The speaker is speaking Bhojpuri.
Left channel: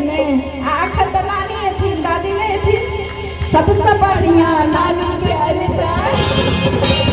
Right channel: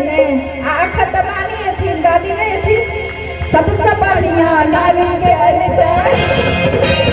ने आखत नानी थी दादी ने थी सबसे बढ़िया नानी के अनिता